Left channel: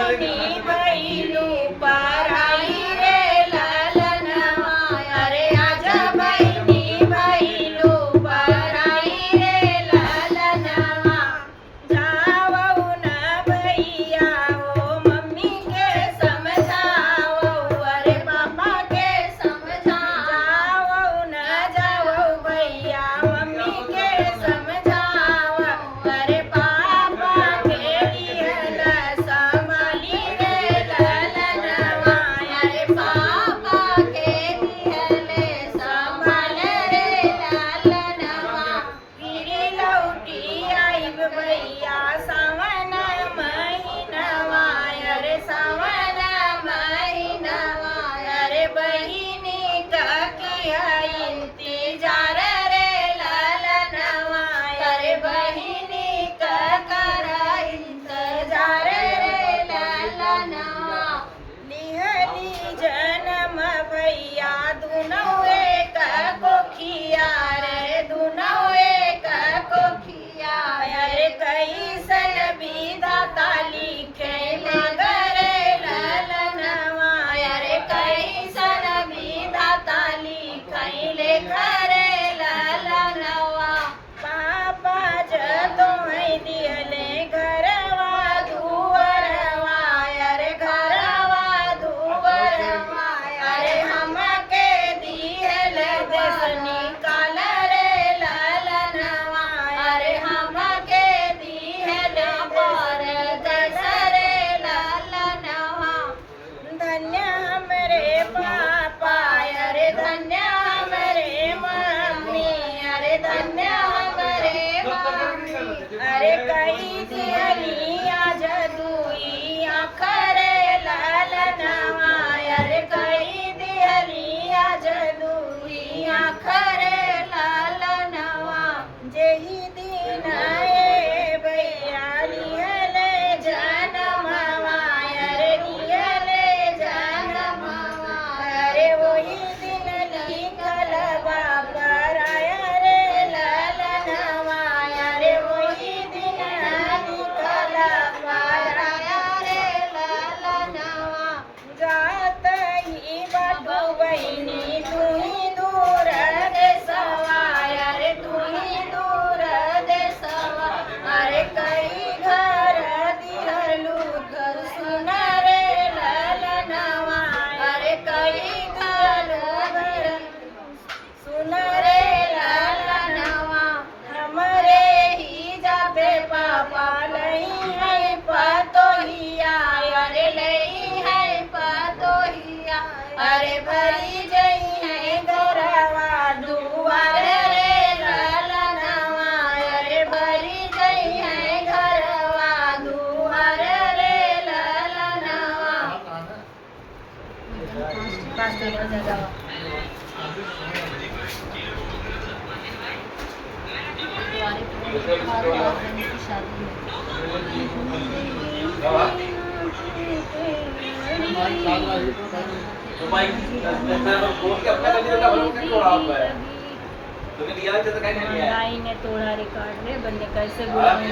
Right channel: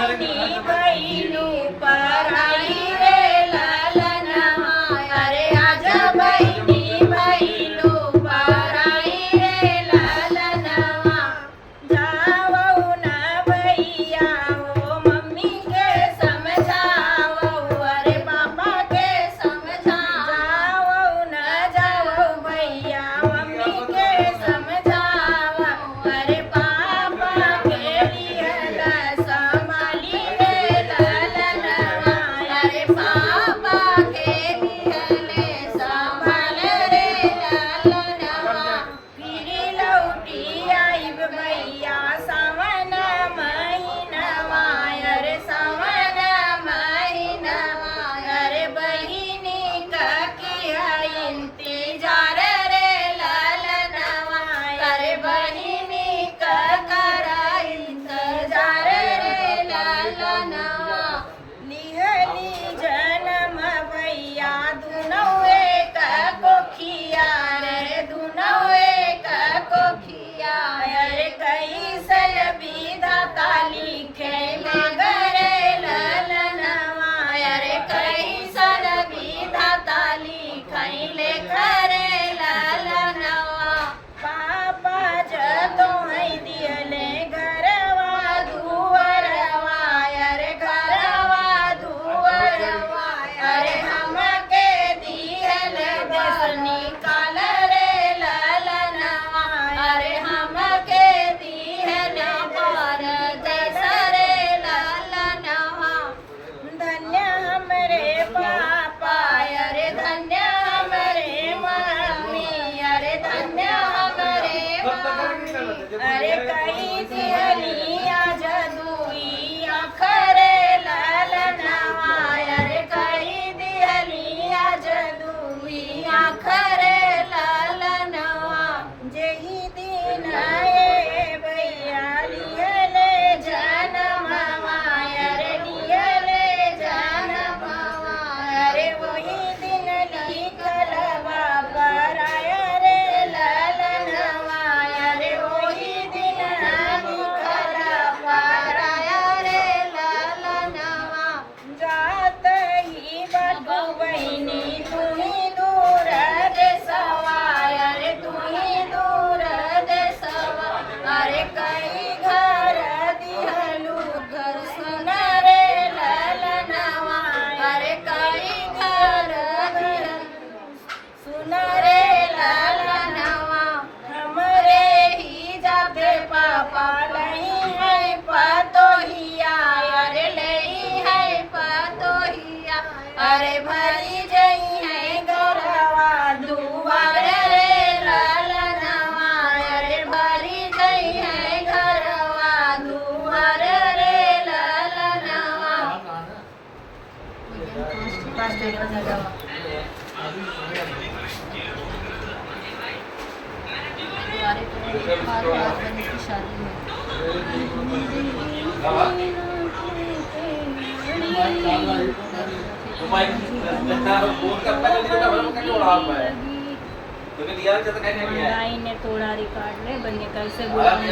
कोणी बैलू पराई रे ललनवा अरे आज बहिणी बैलू पराई रे ललनवा जावऊ न भैया ओ मम्मी के समझावऊ अरे पापा के समझा जावऊ न जावऊ भैया मम्मी के समझावा अरे पापा के लिए संभाली रे ललनवा अरे पापा के लिए संभाल रे ललनवा फिरी लौटी आई भैया सावन महीनवा अरे सावन महीनवा अरे बहिनी का किया इंतजार रे ललनवा अरे बहिनी का करा इंतजार रे ललनवा लिहली जन्म भैया दुनौ एक कोखिया रे दुनौ एक कोखिया अरे कैसन विधाता लिखे मगरे ललनवा अरे कैसन विधाता लिखै लेखरे ललनवा पापा जतो है दियले घरवा दुवरवा अरे घरवा दुवरवा अरे हमके दियल देश निकाल रे ललनवा अरे हमके दियल पर देश रे ललनवा धन्य हमरे पापा अरे धन्य हमरे मम्मी अरे धन्य हमरे मम्मी अरे कई दियली आज दुई आखरे ललनवा अरे कई दियली आज दुई आखरे ललनवा जेही दिन ए भैया लिहले जनमवा अरे लिहले जनमवा अरे वही दिन लिखल बाबा राय रे ललनवा अरे वही दिन लिखल बाराय रे ललनवा जात ही बाटू बहिनी तुही दूर देसवा अरे तुही दूर देसवा अरे कई घर दिहलू घर सुन रे ललनवा अरे कई घर सुन रे ललनवा हमरे ही जाते पापा नहीं है पतोहिया अरे नहीं है पतोहिया अरे भरी जई है गौरवा दुआर रे ललनवा अरे भरी जई है घरवा दुआर रे ललनवा हमारे हस्बैंड की शादी ने तोड़ा रिकॉर्ड ले बनने कैसे गुलाम